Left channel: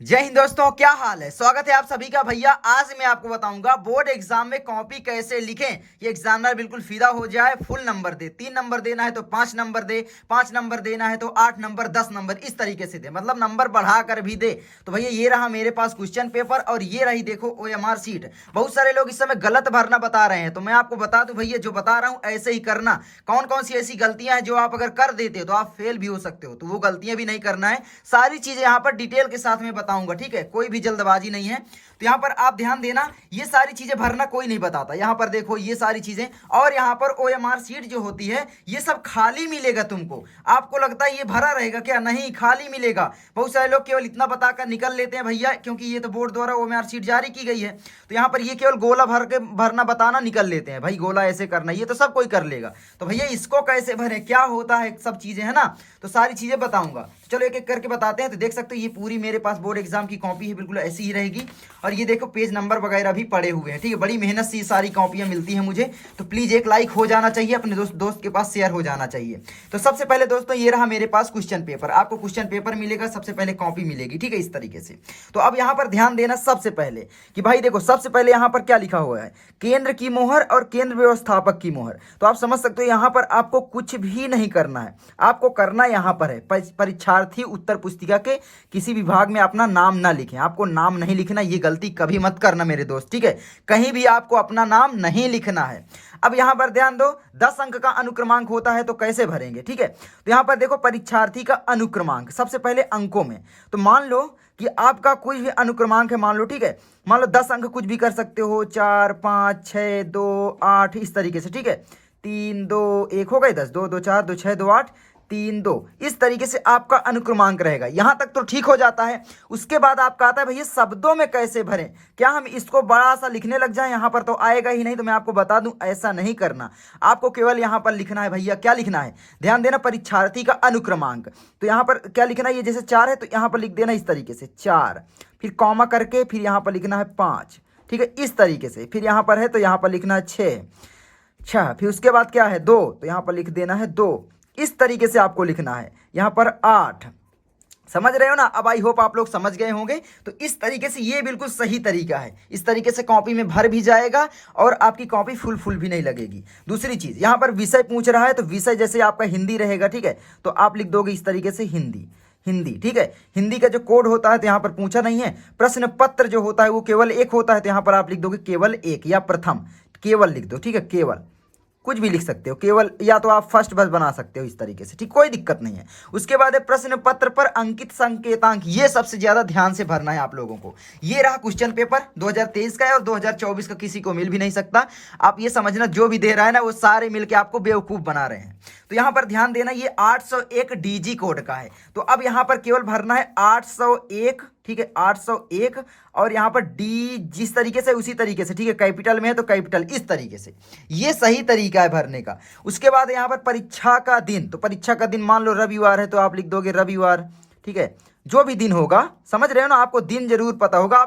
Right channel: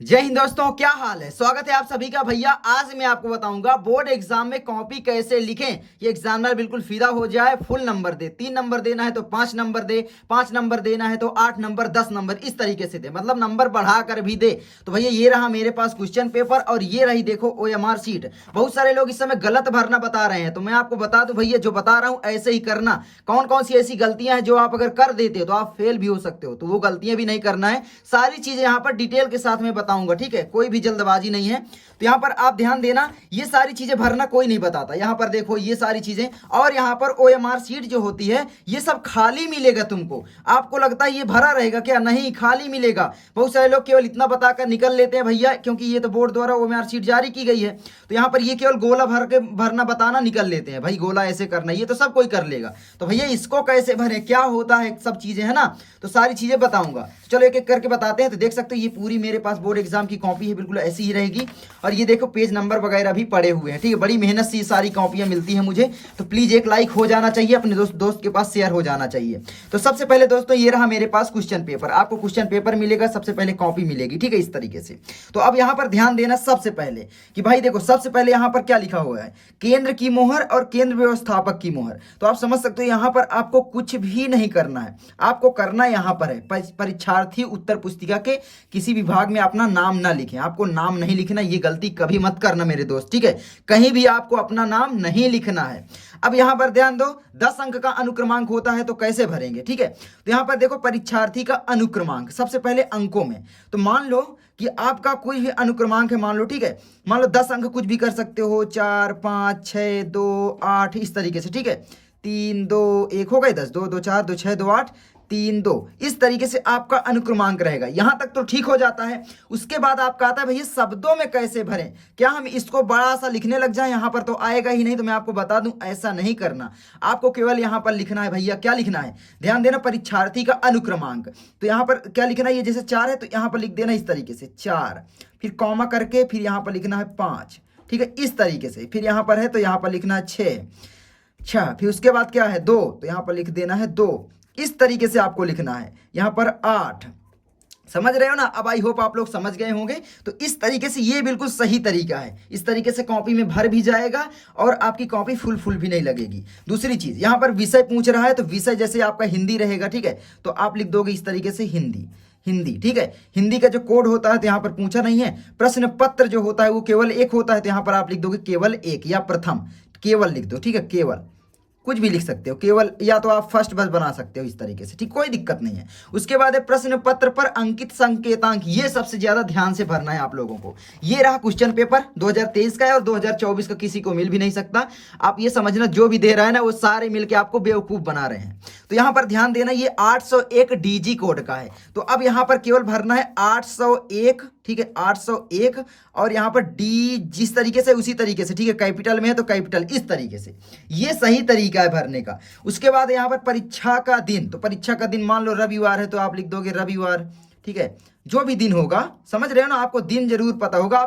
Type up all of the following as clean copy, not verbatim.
जय हिंद दोस्तों, क्या हाल है। स्वागत है आप सभी का। भैया आज मैं आपको बताऊंगा बोर्ड एग्जाम में कॉपी कैसे लिखें। ये एग्जामिनर बिल्कुल फिदा हो जाए, फुल नंबर दे। 3 नंबर देना है तो 5 नंबर दे, 5 नंबर देना है तो 8 नंबर, 10 नंबर, इस तरीके से दे, मतलब नंबर बढ़ा कर भी दे। तो भैया ये रहा मेरे पास क्वेश्चन पेपर और ये रही देखो OMR शीट। बहुत सारे लोग इस समय गलत भरना बता रहे हैं, तो मैं आपको बता दूं भैया, जो बता रहा हूं ऐसे ही करना। कौन कौन सी ऐसी गलतियां हैं जो आप अगर कर देते हो तो आप फेल भी हो सकते हो, तो वो गलतियां भी नहीं करना है। सारी चीजें यहाँ पर डिटेल के साथ में बताऊंगा, ठीक है। कोई भी जल्दबाजी नहीं है, तो यहाँ पर आप ध्यान देना। ये सारी चीजें भरना कोई नहीं बताता। यहाँ पर देखो ये सारी चीजें, और यहाँ पर OMR शीट जो होती है ये सब खाली मिलेगा तुमको। आपको लगता है ये भरा रहेगा क्या? नहीं, खाली मिलेगा। बहुत सारे लोग केवल इतना बताकर निकल लेते हैं भैया, क्योंकि ये तो बोर्ड द्वारा OMR शीट जारी की गई है। तो यहाँ पर ये केवल गोला भर के भरना बताना निकल लेते हैं, भाई गोला ऐसे करना, ये तो सब कोई कर लेगा। तो भैया इसको कैसे भरें, क्या होता है, सब चीजें है ना, तो सारी चीजें बताऊंगा। चलो एक एक करके बताते हैं। तो देख सकते हो ये पूरी मेरे पास बोर्ड एग्जाम की कॉपी है, बिल्कुल ऐसी ही रहेगी। और ये देखो पेज नंबर वगैरह भी पड़े हुए हैं, ठीक है। बड़ी मेहनत से ये सारी कॉपियां मिलती हैं मुझे, तो प्लीज एक लाइक हो जाना चाहिए, अपने दोस्त के पास शेयर हो जाना चाहिए। तो सबसे पहले दोस्तों ये रहा मेरे पास क्वेश्चन पेपर। आपको क्वेश्चन पेपर मिलेगा, सबसे पहले कॉपी मिलेगी, ठीक है, इस तरीके से। तो अब यहाँ पर ध्यान देना सबसे पहले कि भाई देखो, सबसे पहले यहाँ पर क्या लिखा हुआ है, केंद्र की मोहर और केंद्र व्यवस्थापक की मोहर। तो आप समझ सकते हो यहाँ पर आपको कुछ भी नहीं करना है। आपको करना यहाँ पर है, परीक्षार्थी उत्तर पुस्तिका के किसी विभाग में अपना नाम ना लिखें। आपको नाम नहीं लिखना, ये गलती कभी मत करना मेरे दोस्त, ठीक है। कहीं भी आपको अपना नाम नहीं लिखना है। अब यहाँ पर ध्यान दो, 10 अंक का अनुक्रमांक होता है, तो कैसे भरेंगे, ठीक है। तो यहाँ पर देखो परीक्षार्थी का अनुक्रमांक सबसे पहले अंकों में। तो मान लो कि आपका कोई भी अनुक्रमांक है, मान लो, ठीक है। मान लो 10 अंक कुछ भी कर सकते हो, 4 5 6 2 8, इस तरीके से, ठीक है। 3 2 1 हो गए 10, 2 2 4 2 6 2 8 3 2, इस तरीके से आपका अनुक्रमांक रहेगा। यहां तक तो ठीक हो जाता है। उसके बाद आपका आता है भैया शब्दों में कैसे भरें। क्या हम इसको बड़ा सा लिखने लग जाएं? यहां पर तो आएगा ही नहीं। तो मैं आपको बता दूं, ऐसा नहीं करना। आपको केवल यहां पर लिखना है भैया, क्या लिखना है, ध्यान देना, परीक्षार्थी का अनुक्रमांक। तो यहां पर क्या लिखना है, ये जैसे 4 है तो यहां पर लिख देना इस तरीके से 4, फिर कॉमा करके, फिर यहां पर लिखना है 5, ठीक है, इस तरीके से। फिर यहां पर है तो यहां पर लिखना है 6, अच्छा, फिर उसके बाद क्या है 2, तो यहां पर लिख देना है 2, इस तरीके से आपको लिखना है। यहां पर 8, समझ रहे हो ना। अब आई होप आप लोग समझ गए होंगे। तो इस तरीके से ये बिल्कुल सही तरीका है। इस तरीके से कॉपी में भर भी जाएगा और आपकी कॉपी फुल भी नहीं लगेगी। दूसरी चीज, यहां पर विषय पूछ रहा है, तो विषय जैसे आपका हिंदी रहेगा, ठीक है, तो आप लिख दोगे इस तरीके से हिंदी, हिंदी, ठीक है। हिंदी का जो कोड होता है तो यहाँ पर पूछा नहीं है। प्रश्न पत्र जो होता है वो केवल एक होता है, तो यहाँ पर आप लिख दोगे केवल एक, या प्रथम, केवल लिख दो, ठीक है, केवल, कुछ भी लिख सकते हो, केवल, या तो आप फर्स्ट बस बना सकते हो इस तरीके से, ठीक, कोई दिक्कत नहीं है। उसके बाद है प्रश्न पत्र पर अंकित संकेतांक। ये सबसे ज्यादा ध्यान से भरना है आप लोगों को। ये रहा क्वेश्चन पेपर 2023 का है, और 2024 का किसी को मिल भी नहीं सकता। आप ये समझना, जो भी दे रहा है ना वो सारे मिलके आपको बेवकूफ बना रहे हैं। तो यहां पर ध्यान देना, ये 801 DG कोड का है। तो अब यहां पर केवल भरना है 801, ठीक है, 801, और यहां पर डी जिस तरीके से उसी तरीके से, ठीक है, कैपिटल में है तो कैपिटल, इस तरीके से। ये सही तरीका है भरने का। उसके बाद यहां पर परीक्षा का दिन, तो परीक्षा का दिन मान लो रविवार है तो आप लिख दोगे रविवार, ठीक है, जो भी दिन होगा, समझ रहे हो ना। आपको दिन जरूर पता होगा,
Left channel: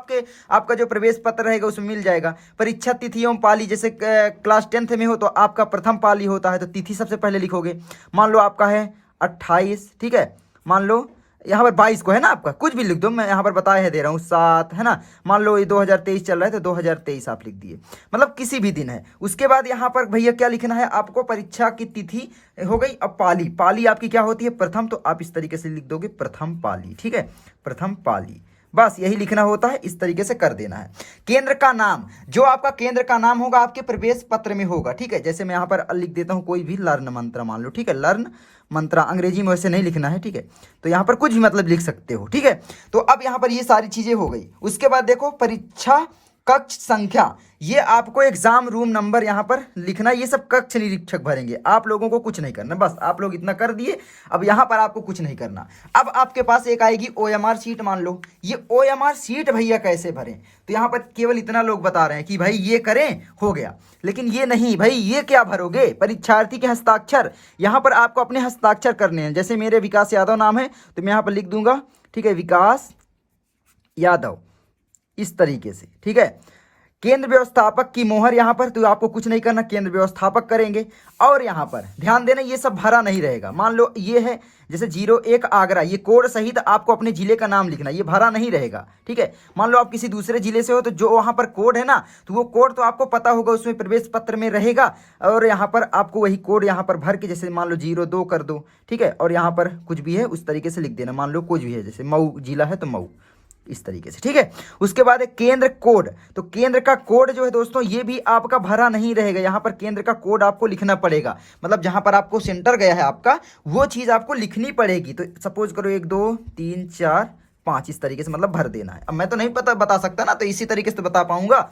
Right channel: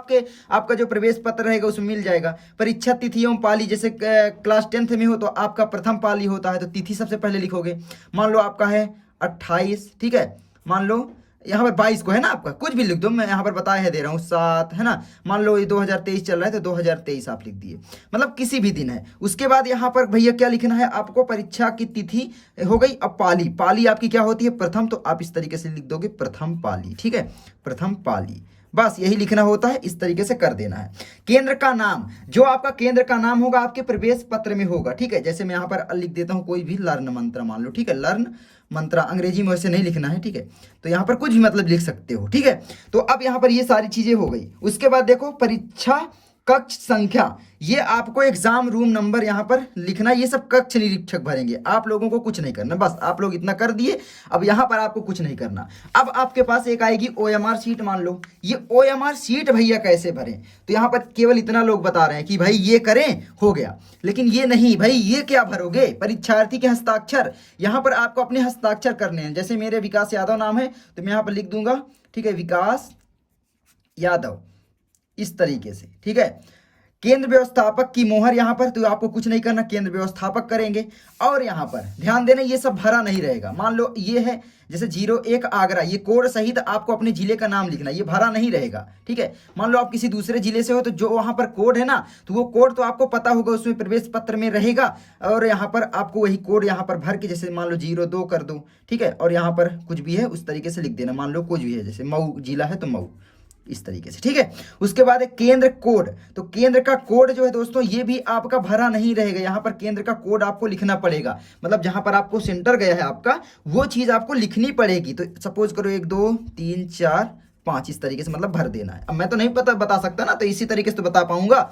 आपका जो प्रवेश पत्र रहेगा उसमें मिल जाएगा। परीक्षा तिथि एवं पाली, जैसे क्लास 10th में हो तो आपका प्रथम पाली होता है, तो तिथि सबसे पहले लिखोगे। मान लो आपका है 28, ठीक है, मान लो यहाँ पर 22 को है ना आपका, कुछ भी लिख दो, मैं यहाँ पर बताया है दे रहा हूँ 7, है ना। मान लो ये 2023 चल रहा है तो 2023 आप लिख दिए, मतलब किसी भी दिन है। उसके बाद यहाँ पर भैया क्या लिखना है आपको, परीक्षा की तिथि हो गई। अब पाली, पाली आपकी क्या होती है, प्रथम, तो आप इस तरीके से लिख दोगे प्रथम पाली, ठीक है, प्रथम पाली। बस यही लिखना होता है, इस तरीके से कर देना है। केंद्र का नाम, जो आपका केंद्र का नाम होगा आपके प्रवेश पत्र में होगा, ठीक है। जैसे मैं यहाँ पर लिख देता हूँ कोई भी लर्न मंत्रा, मान लो, ठीक है, लर्न मंत्रा, अंग्रेजी में वैसे नहीं लिखना है, ठीक है। तो यहाँ पर कुछ भी मतलब लिख सकते हो, ठीक है। तो अब यहाँ पर ये सारी चीजें हो गई। उसके बाद देखो परीक्षा कक्ष संख्या, ये आपको एग्जाम रूम नंबर यहाँ पर लिखना। ये सब कक्ष निरीक्षक भरेंगे, आप लोगों को कुछ नहीं करना, बस आप लोग इतना कर दिए। अब यहाँ पर आपको कुछ नहीं करना। अब आपके पास एक आएगी OMR शीट, मान लो ये OMR शीट भैया कैसे भरें। तो यहाँ पर केवल इतना लोग बता रहे हैं कि भाई ये करें, हो गया, लेकिन ये नहीं भाई, ये क्या भरोगे, परीक्षार्थी के हस्ताक्षर। यहाँ पर आपको अपने हस्ताक्षर करने हैं। जैसे मेरे विकास यादव नाम है तो मैं यहाँ पर लिख दूंगा, ठीक है, विकास यादव, इस तरीके से, ठीक है। केंद्र व्यवस्थापक की मोहर यहाँ पर, तो आपको कुछ नहीं करना, केंद्र व्यवस्थापक करेंगे। और यहाँ पर ध्यान देना ये सब भरा नहीं रहेगा। मान लो ये है जैसे 01 आगरा, ये कोड सहित आपको अपने जिले का नाम लिखना, ये भरा नहीं रहेगा, ठीक है। मान लो आप किसी दूसरे जिले से हो तो जो वहाँ पर कोड है ना, तो वो कोड तो आपको पता होगा, उसमें प्रवेश पत्र में रहेगा। और यहाँ पर आपको वही कोड यहाँ पर भर के, जैसे मान लो 02 कर दो, ठीक है। और यहाँ पर कुछ भी है उस तरीके से लिख देना। मान लो कुछ भी है, जैसे मऊ जिला है तो मऊ, इस तरीके से, ठीक है। उसके बाद है केंद्र कोड, तो केंद्र का कोड जो है दोस्तों ये भी आपका भरा नहीं रहेगा। यहाँ पर केंद्र का कोड आपको लिखना पड़ेगा, मतलब जहां पर आपको सेंटर गया है आपका, वो चीज आपको लिखनी पड़ेगी। तो सपोज करो 1 2 3 4 5 इस तरीके से मतलब भर देना है। अब मैं तो नहीं बता सकता ना, तो इसी तरीके से तो बता पाऊंगा।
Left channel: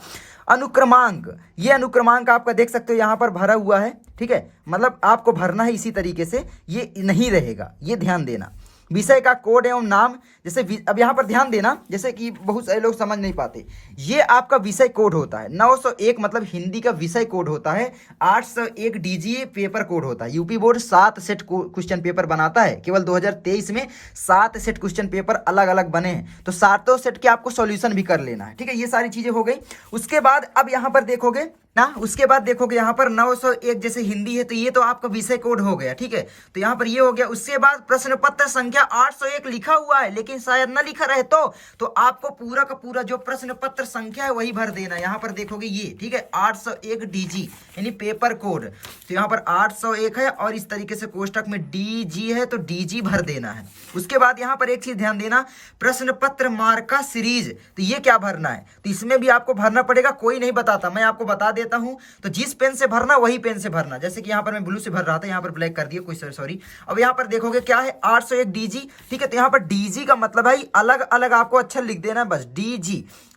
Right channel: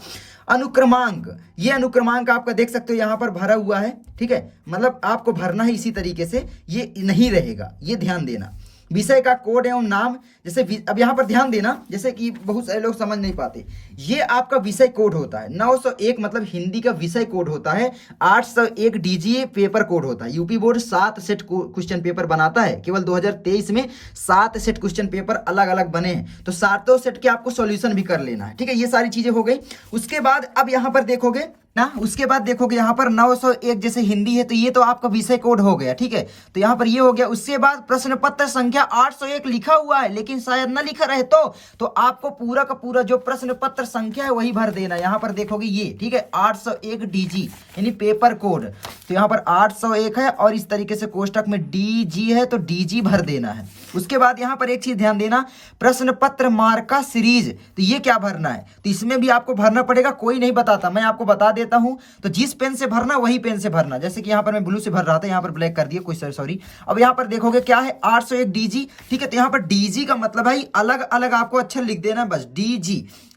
अनुक्रमांक, ये अनुक्रमांक आपका देख सकते हो यहाँ पर भरा हुआ है, ठीक है। मतलब आपको भरना है इसी तरीके से, ये नहीं रहेगा, ये ध्यान देना। विषय का कोड एवं नाम, जैसे अब यहाँ पर ध्यान देना, जैसे कि बहुत सारे लोग समझ नहीं पाते, ये आपका विषय कोड होता है। 901 मतलब हिंदी का विषय कोड होता है। 801 डीजीए पेपर कोड होता है। UP board 7 set question paper बनाता है, केवल 2023 में 7 सेट क्वेश्चन पेपर अलग अलग बने हैं, तो 7 सेट के आपको सॉल्यूशन भी कर लेना है, ठीक है। ये सारी चीजें हो गई। उसके बाद अब यहाँ पर देखोगे ना, उसके बाद देखोगे यहाँ पर 901 जैसे हिंदी है, तो ये तो आपका विषय कोड हो गया, ठीक है। तो यहाँ पर ये हो गया। उसके बाद प्रश्न पत्र संख्या 801 लिखा हुआ है, लेकिन शायद ना लिखा रहे तो आपको पूरा का पूरा जो प्रश्न पत्र संख्या है वही भर देना। यहाँ पर देखोगे ये, ठीक है, 801 डीजी यानी पेपर कोड, तो यहाँ पर 801 है और इस तरीके से कोष्टक में डीजी है, तो डीजी भर देना है। उसके बाद यहाँ पर एक चीज ध्यान देना, प्रश्न पत्र मार्का सीरीज, तो ये क्या भरना है, तो इसमें भी आपको भरना पड़ेगा। कोई नहीं बताता, मैं आपको बता देता हूं। तो जिस पेन से भरना वही पेन से भरना, जैसे कि यहाँ पर मैं ब्लू से भर रहा था, यहाँ पर ब्लैक कर दिया, कोई सॉरी। अब यहाँ पर देखोगे क्या है, 801 डीजी, ठीक है। तो यहाँ पर डीजी का मतलब है अलग अलग आपको अक्षर लिख देना है, बस डीजी।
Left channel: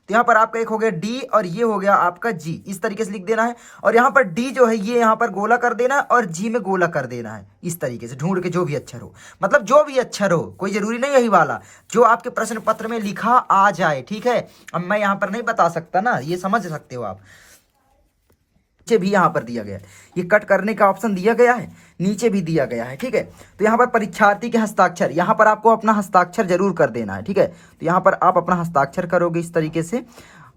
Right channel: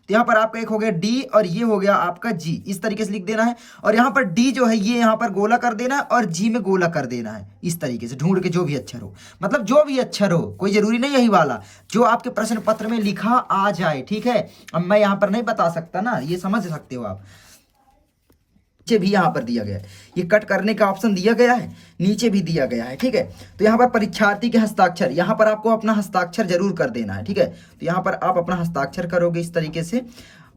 तो यहाँ पर आपका एक हो गया डी और ये हो गया आपका जी, इस तरीके से लिख देना है। और यहाँ पर डी जो है ये यहाँ पर गोला कर देना है और जी में गोला कर देना है, इस तरीके से ढूंढ के जो भी अक्षर हो, मतलब जो भी अक्षर हो, कोई जरूरी नहीं यही वाला, जो आपके प्रश्न पत्र में लिखा आ जाए, ठीक है। अब मैं यहाँ पर नहीं बता सकता ना, ये समझ सकते हो आप। नीचे भी यहाँ पर दिया गया है, ये कट करने का ऑप्शन दिया गया है, नीचे भी दिया गया है, ठीक है। तो यहाँ पर परीक्षार्थी के हस्ताक्षर, यहाँ पर आपको अपना हस्ताक्षर जरूर कर देना है, ठीक है। तो यहाँ पर आप अपना हस्ताक्षर करोगे इस तरीके से,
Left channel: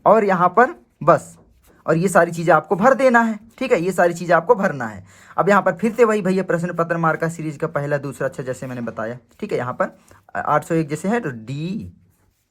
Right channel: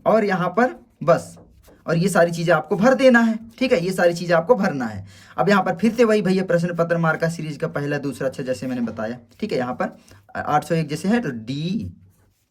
और यहाँ पर बस, और ये सारी चीजें आपको भर देना है, ठीक है। ये सारी चीजें आपको भरना है। अब यहाँ पर फिर से वही भैया प्रश्न पत्र मार्का सीरीज का पहला दूसरा अक्षर जैसे मैंने बताया, ठीक है। यहाँ पर 801 जैसे है तो डी,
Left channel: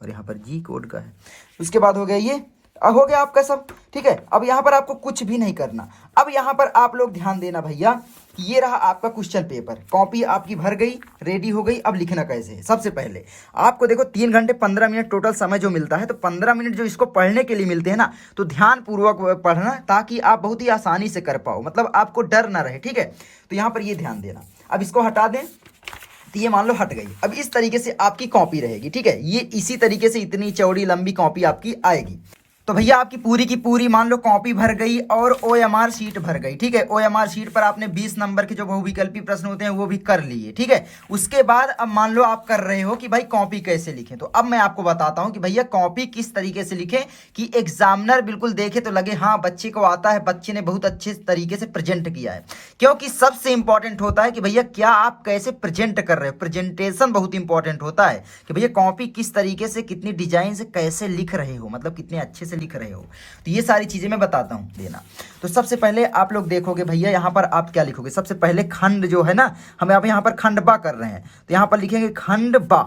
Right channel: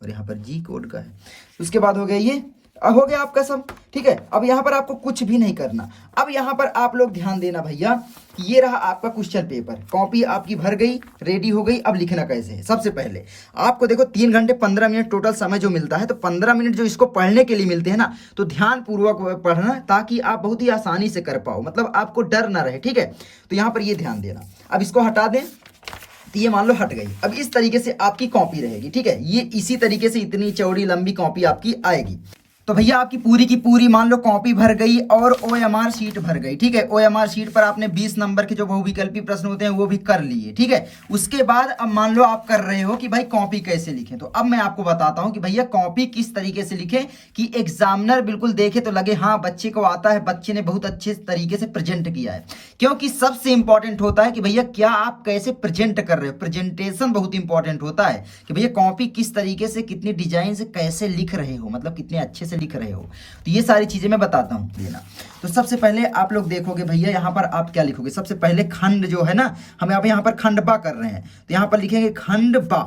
और यहाँ पर जी कोड का है। उसके बाद हो गया ये, हो गया आपका सब, ठीक है। अब यहाँ पर आपको कुछ भी नहीं करना। अब यहाँ पर आप लोग ध्यान देना भैया, ये रहा आपका क्वेश्चन पेपर, कॉपी आपकी भर गई, रेडी हो गई। अब लिखना कैसे है, सबसे पहले आपको देखो 3 घंटे 15 मिनट टोटल समय जो मिलता है, तो 15 मिनट जो इसको पढ़ने के लिए मिलते हैं ना, तो ध्यान पूर्वक पढ़ना, ताकि आप बहुत ही आसानी से कर पाओ, मतलब आपको डर ना रहे, ठीक है। तो यहाँ पर ये ध्यान देना। अब इसको हटा दें, तो ये मान लो हट गई। अब इस तरीके से आपकी कॉपी रहेगी, ठीक है। ये इसी तरीके से इतनी चौड़ी लंबी कॉपी आपकी आएगी। तो भैया आपकी पूरी की पूरी मान लो कॉपी भर गई और OMR शीट भर गई, ठीक है। OMR शीट पर आपने 20 नंबर के जो बहुविकल्पी प्रश्न होते हैं वो भी कर लिए, ठीक है। उसके बाद अब मान लो आप कर रहे हो कि भाई कॉपी कैसे लिखें, तो अब मैं आपको बताता हूं कि भैया कॉपी किस तरीके से लिखें कि एग्जामिनर बिल्कुल देखे तो लगे हाँ बच्चे को आता है, बच्चे ने बहुत अच्छे तरीके से प्रेजेंट किया है। क्योंकि सबसे इंपॉर्टेंट होता है कि भैया क्या आप कैसे प्रेजेंट कर रहे हो, प्रेजेंटेशन बहुत इंपॉर्टेंट होता है कि भैया कॉपी किस तरीके से, कितनी डिजाइन से कैसे लिख रहे हो, मतलब कितने अच्छे से लिख रहे हो। तो ये सारी चीजें मैं बताता हूं देना। तो सबसे पहले आप लोग देखोगे भैया यहाँ पर आप क्या लिखोगे, सबसे पहले खंड जो है ना, हम आप यहाँ पर खंडबा कर रहे हैं, तो यहाँ पर लिखेंगे खंडबा।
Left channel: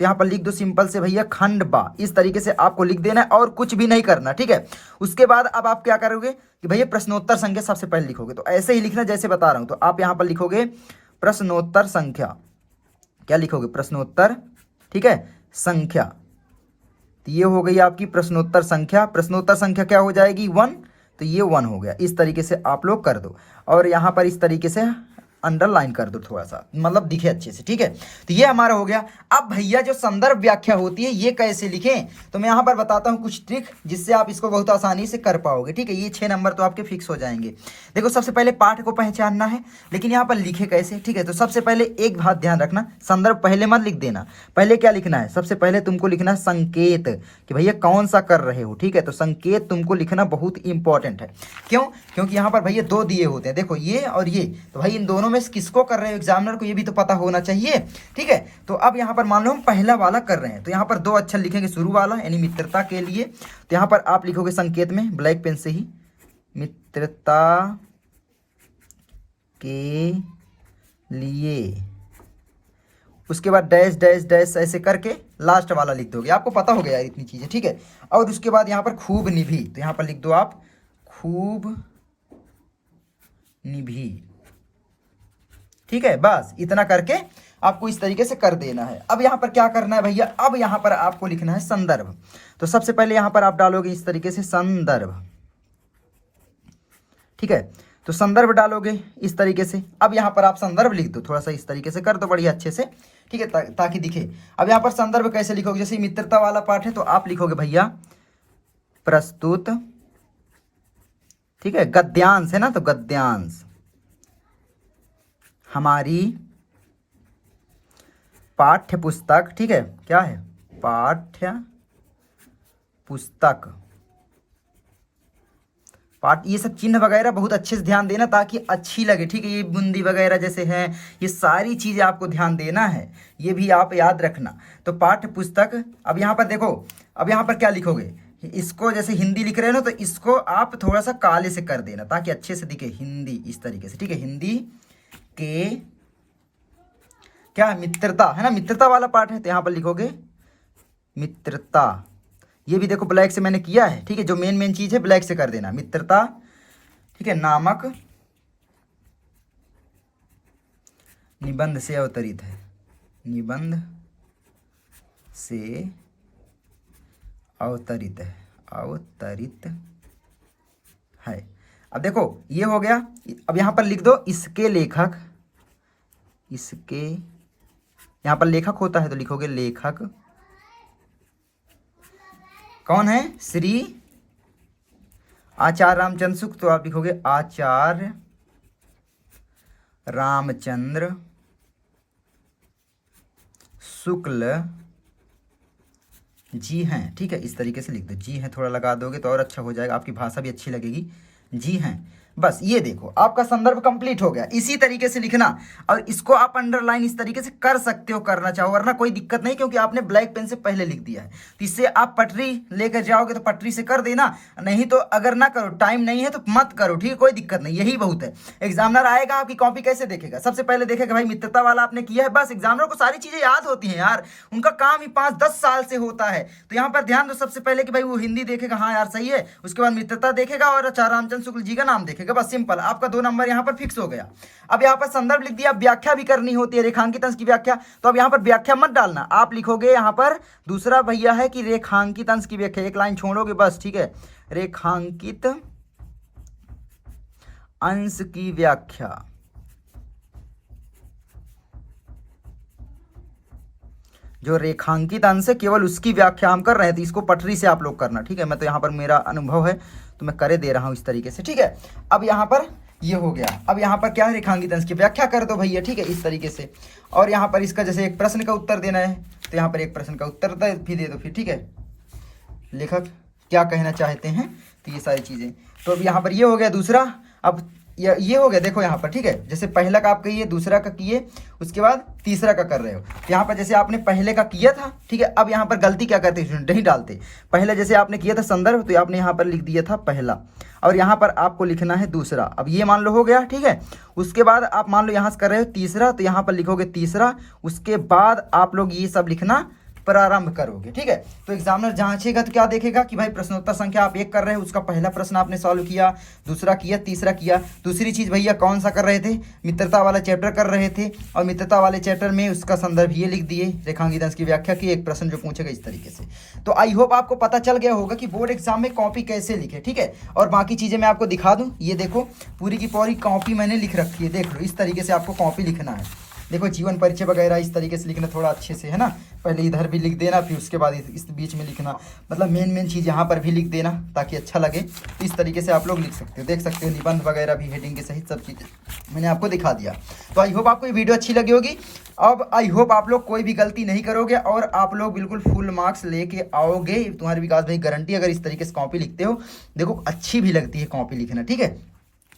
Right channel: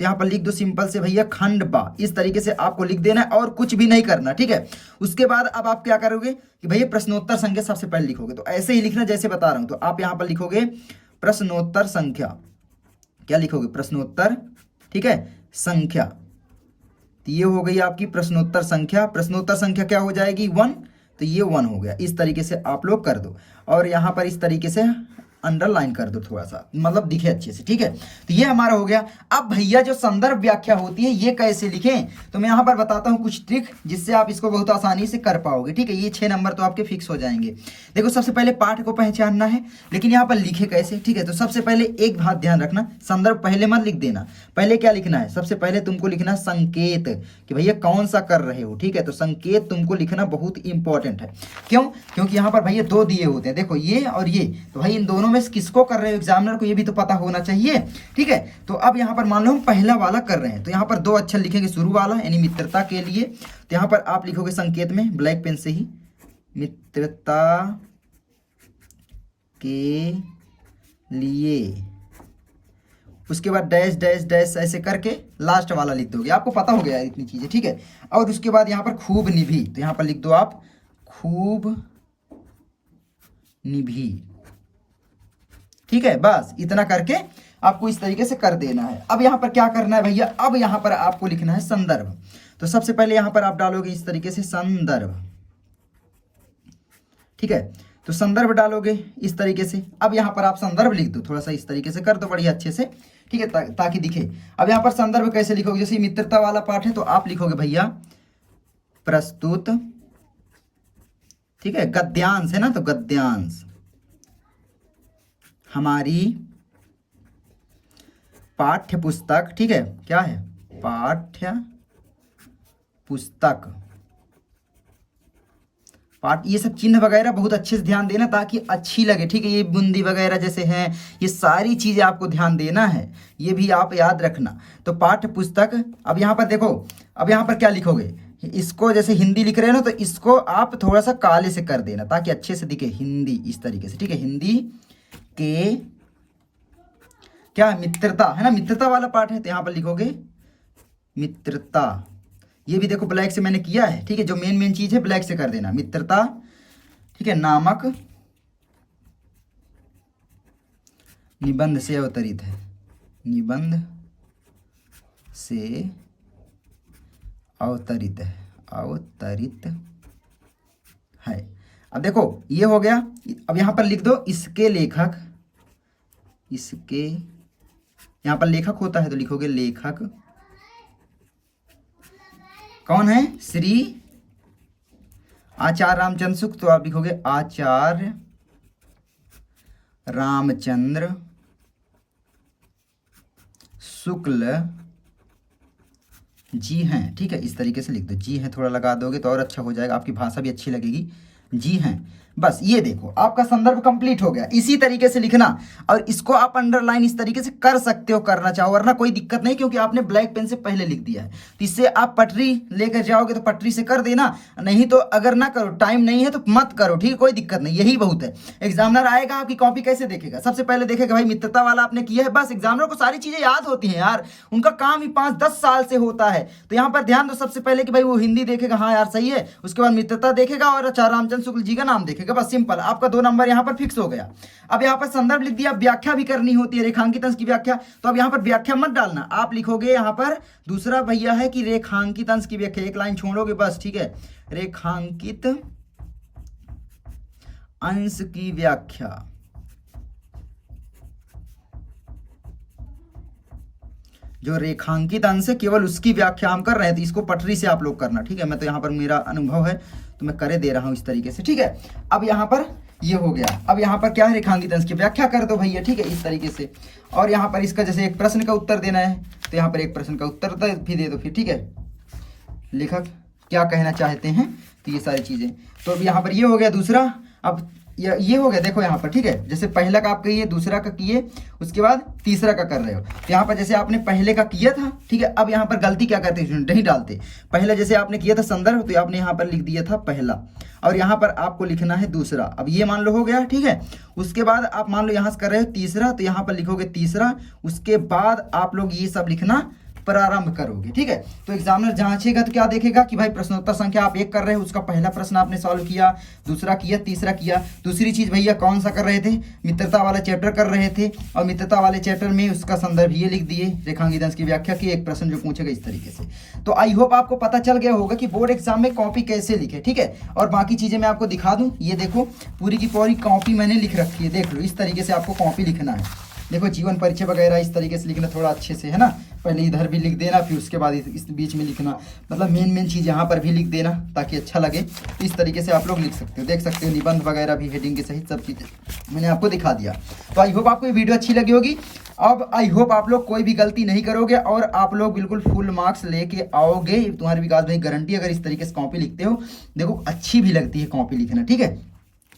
तो यहाँ पर लिख दो सिंपल से भैया खंडबा, इस तरीके से आपको लिख देना है और कुछ भी नहीं करना, ठीक है। उसके बाद अब आप क्या करोगे कि भैया प्रश्नोत्तर संख्या सबसे पहले लिखोगे, तो ऐसे ही लिखना जैसे बता रहा हूं। तो आप यहाँ पर लिखोगे प्रश्नोत्तर संख्या, क्या लिखोगे, प्रश्नोत्तर, ठीक है, संख्या। ये हो गई आपकी प्रश्नोत्तर संख्या। प्रश्नोत्तर संख्या क्या हो जाएगी, 1, तो ये 1 हो गया। इस तरीके से आप लोग कर दो और यहाँ पर इस तरीके से अंडरलाइन कर दो थोड़ा सा, मतलब दिखे अच्छे से, ठीक है। तो ये हमारा हो गया। अब भैया जो संदर्भ व्याख्या होती है ये कैसे लिखें, तो मैं यहाँ पर बताता हूँ कुछ ट्रिक जिससे आप इसको बहुत आसानी से कर पाओगे, ठीक है। ये 6 नंबर तो आपके फिक्स हो जाएंगे। देखो सबसे पहले पाठ को पहचानना है, लेकिन यहाँ पर लिखे कैसे, ठीक है। तो सबसे पहले एक बात ध्यान रखना, संदर्भ पहले मत लिख देना। पहले क्या लिखना है, सबसे पहले तुमको लिखना संकेत, कि भैया कौन सा कर रहे हो, ठीक है। तो संकेत तुमको लिखना बहुत इंपॉर्टेंट है। क्यों, क्योंकि यहाँ पर भैया 2 दिए होते हैं, देखो ये और ये, तो भाई इन दोनों दोनों में से किसको कर रहे हो, एग्जामिनर को ये भी तो पता होना चाहिए। ठीक है, तो अब यहाँ पर मान लो हम पहला वाला कर रहे हैं, तो यहाँ पर 2 अक्षर लिखेंगे शुरू वाला यानी मित्रता के लिए। तो यहाँ पर आप लिखोगे संकेत में ब्लैक पेन से ही मित्रता के लिए, उसके बाद डैश डैश डैश ऐसे करके लास्ट वाला लिख दोगे, आपको पता हो गया इतनी चीजें। ठीक है, और उसके बाद यहाँ पर खूब निभी, तो यहाँ पर लिख दो आप खूब निभी। ठीक है, बस इतना करके आपको इस तरीके से कर देना है। अब यहाँ पर क्या करना है भैया, अब यहाँ पर आपको लिखना है संदर्भ। तो सबसे पहले यहाँ पर आप डालोगे इस तरीके से संदर्भ। ठीक है, तो संदर्भ डालोगे इस तरीके से। अब यहाँ पर आप संदर्भ लिख दो, थोड़ा सा इस तरीके से कर दो बढ़िया अच्छे से। ठीक है, ताकि दिखे। अब यहाँ पर संदर्भ कैसे लिखोगे, जैसे मित्रता वाला पाठ है तो आप लिखोगे भैया प्रस्तुत। ठीक है, गद्यांश है ना, तो गद्यांश हमारी पाठ्य पुस्तक। ठीक है, क्या है, पाठ्य पुस्तक। पाठ, ये सब चिन्ह वगैरह बहुत अच्छे से ध्यान देना ताकि अच्छी लगे। ठीक है, ये बूंदी वगैरह जैसे हैं, ये सारी चीजें आपको ध्यान देना है, ये भी आप याद रखना। तो पाठ्य पुस्तक। अब यहाँ पर देखो, अब यहाँ पर क्या लिखोगे, इसको जैसे हिंदी लिख रहे हो ना, तो इसको आप थोड़ा सा काले से कर देना ताकि अच्छे से दिखे, हिंदी इस तरीके से। ठीक है, हिंदी के क्या मित्रता है ना, मित्रता वाला पाठ है, तो यहाँ पर लिखोगे मित्रता। ये भी देखो ब्लैक से मैंने किया है। ठीक है, जो मेन चीज है ब्लैक से कर देना, मित्रता। ठीक है, नामक निबंध से अवतरित है, निबंध से अवतरित है, अवतरित है। अब देखो ये हो गया। अब यहाँ पर लिख दो इसके लेखक, इसके यहाँ पर लेखक होता है तो लिखोगे लेखक कौन है, श्री आचार्य रामचंद्र शुक्ल, तो आप लिखोगे आचार्य रामचंद्र शुक्ल जी हैं। ठीक है, इस तरीके से लिख दो, जी हैं थोड़ा लगा दोगे तो और अच्छा हो जाएगा, आपकी भाषा भी अच्छी लगेगी, जी हैं। बस ये देखो आपका संदर्भ कंप्लीट हो गया। इसी तरीके से लिखना, और इसको आप अंडरलाइन इस तरीके से कर सकते हो, करना चाहो वरना कोई दिक्कत नहीं, क्योंकि आपने ब्लैक पेन से पहले लिख दिया है। तो इससे आप पटरी लेकर जाओगे तो पटरी से कर देना, नहीं तो अगर ना करो, टाइम नहीं है तो मत करो। ठीक है, कोई दिक्कत नहीं, यही बहुत है। एग्जामिनर आएगा आपकी कॉपी कैसे देखेगा, सबसे पहले देखेगा भाई मित्रता वाला आपने किया है, बस। एग्जामिनर को सारी चीजें याद होती हैं यार, उनका काम ही 5-10 साल से होता है। तो यहाँ पर ध्यान दो सबसे पहले कि भाई वो हिंदी देखेगा, हाँ यार सही है, उसके बाद मित्रता देखेगा और आचार्य रामचंद्र शुक्ल जी का नाम देखेगा, बस सिंपल। आपका 2 नंबर यहाँ पर फिक्स हो गया। अब यहाँ पर संदर्भ लिख दिया, व्याख्या भी करनी होती है, रेखांकित अंश की व्याख्या। तो अब यहाँ पर व्याख्या मत डालना, आप लिखोगे यहाँ पर दूसरा भैया है कि रेखांकित अंश की व्याख्या, एक लाइन छोड़ोगे बस। ठीक है, रेखांकित अंश की व्याख्या। जो रेखांकित अंश है केवल उसकी व्याख्या हम कर रहे हैं, तो इसको पटरी से आप लोग करना। ठीक है, मैं तो यहाँ पर मेरा अनुभव है तो मैं करे दे रहा हूं इस तरीके से। ठीक है, अब यहाँ पर ये हो गया। अब यहाँ पर क्या है, रेखांकित अंश की व्याख्या कर दो भैया। ठीक है, इस तरीके से। और यहाँ पर इसका जैसे एक प्रश्न का उत्तर देना है, तो यहाँ पर एक प्रश्न का उत्तर भी दे दो फिर। ठीक है, लेखक क्या कहना चाहते हैं, तो ये सारी चीजें। तो अब यहाँ पर ये हो गया दूसरा। अब ये हो गया, देखो यहाँ पर। ठीक है, जैसे पहला का आप किए, दूसरा का किए, उसके बाद तीसरा का कर रहे हो। तो यहाँ पर जैसे आपने पहले का किया था, ठीक है, अब यहाँ पर गलती क्या करते हैं, नहीं डालते। पहले जैसे आपने किया था संदर्भ, तो आपने यहाँ पर लिख दिया था पहला, और यहाँ पर आपको लिखना है दूसरा। अब ये मान लो हो गया। ठीक है, उसके बाद आप मान लो यहाँ से कर रहे हो तीसरा, तो यहाँ पर लिखोगे तीसरा, उसके बाद आप लोग ये सब लिखना प्रारंभ करोगे। ठीक है, तो एग्जामिनर जांचेगा तो क्या देखेगा कि भाई प्रश्नोत्तर संख्या आप 1 कर रहे हो, उसका पहला प्रश्न आपने सॉल्व किया, दूसरा किया, तीसरा किया। दूसरी चीज भैया कौन सा कर रहे थे, मित्रता वाला चैप्टर कर रहे थे, और मित्रता वाले चैप्टर में उसका संदर्भ ये लिख दिए, रेखांकित अंश की व्याख्या की, एक प्रश्न जो पूछेगा इस तरीके से। तो आई होप आपको पता चल गया होगा कि बोर्ड एग्जाम में कॉपी कैसे लिखे। ठीक है, और बाकी चीजें मैं आपको दिखा दूं, ये देखो पूरी की पूरी कॉपी मैंने लिख रखी है, देख लो इस तरीके से आपको कॉपी लिखना है। देखो जीवन परिचय वगैरह इस तरीके से लिखना थोड़ा अच्छे से, है ना। पहले इधर भी लिख देना, फिर उसके बाद इस बीच में लिखना, मतलब मेन चीज़ यहाँ पर भी लिख देना ताकि अच्छा लगे। इस तरीके से आप लोग लिख सकते हो, देख सकते हो निबंध वगैरह भी हेडिंग के सहित सब चीज़ें मैंने आपको दिखा दिया। तो आई होप आपको ये वीडियो अच्छी लगी होगी। अब आई होप आप लोग कोई भी गलती नहीं करोगे और आप लोग बिल्कुल फुल मार्क्स लेके आओगे। तुम्हारे विकास भाई गारंटी, अगर इस तरीके से कॉपी लिखते हो, देखो अच्छी भी लगती है कॉपी लिखना। ठीक है,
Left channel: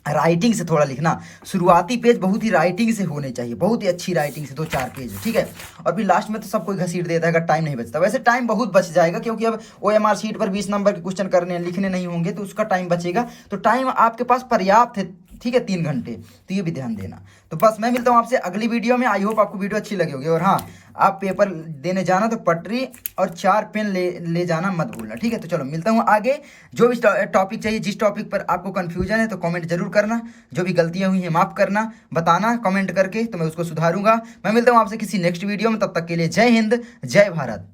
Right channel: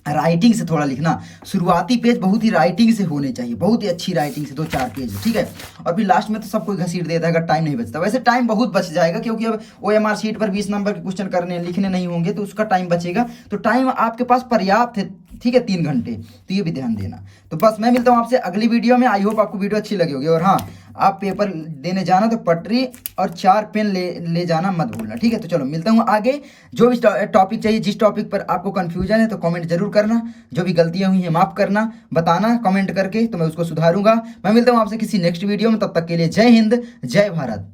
राइटिंग से थोड़ा लिखना। शुरुआती पेज बहुत ही राइटिंग से होने चाहिए, बहुत ही अच्छी राइटिंग से 2-4 पेज, ठीक है। और फिर लास्ट में तो सब कोई घसीट देता है अगर टाइम नहीं बचता। वैसे टाइम बहुत बच जाएगा, क्योंकि अब OMR शीट पर 20 नंबर के क्वेश्चन करने लिखने नहीं होंगे, तो उसका टाइम बचेगा। तो टाइम आपके पास पर्याप्त है, ठीक है, 3 घंटे। तो ये भी ध्यान देना। तो बस मैं मिलता हूँ आपसे अगली वीडियो में। आई होप आपको वीडियो अच्छी लगी होगी। और हाँ, आप पेपर देने जाना तो पटरी और 4 पेन ले जाना मत भूलना, ठीक है। तो चलो मिलता हूँ आगे। जो भी टॉपिक चाहिए, जिस टॉपिक पर आपको कंफ्यूजन है तो कमेंट जरूर करना। जो भी गलतियां हुई हैं माफ करना, बताना कमेंट करके, तो मैं उसको सुधारूंगा। मैं मिलता हूँ आपसे किसी नेक्स्ट वीडियो में। तब तक के लिए जय हिंद, जय भारत।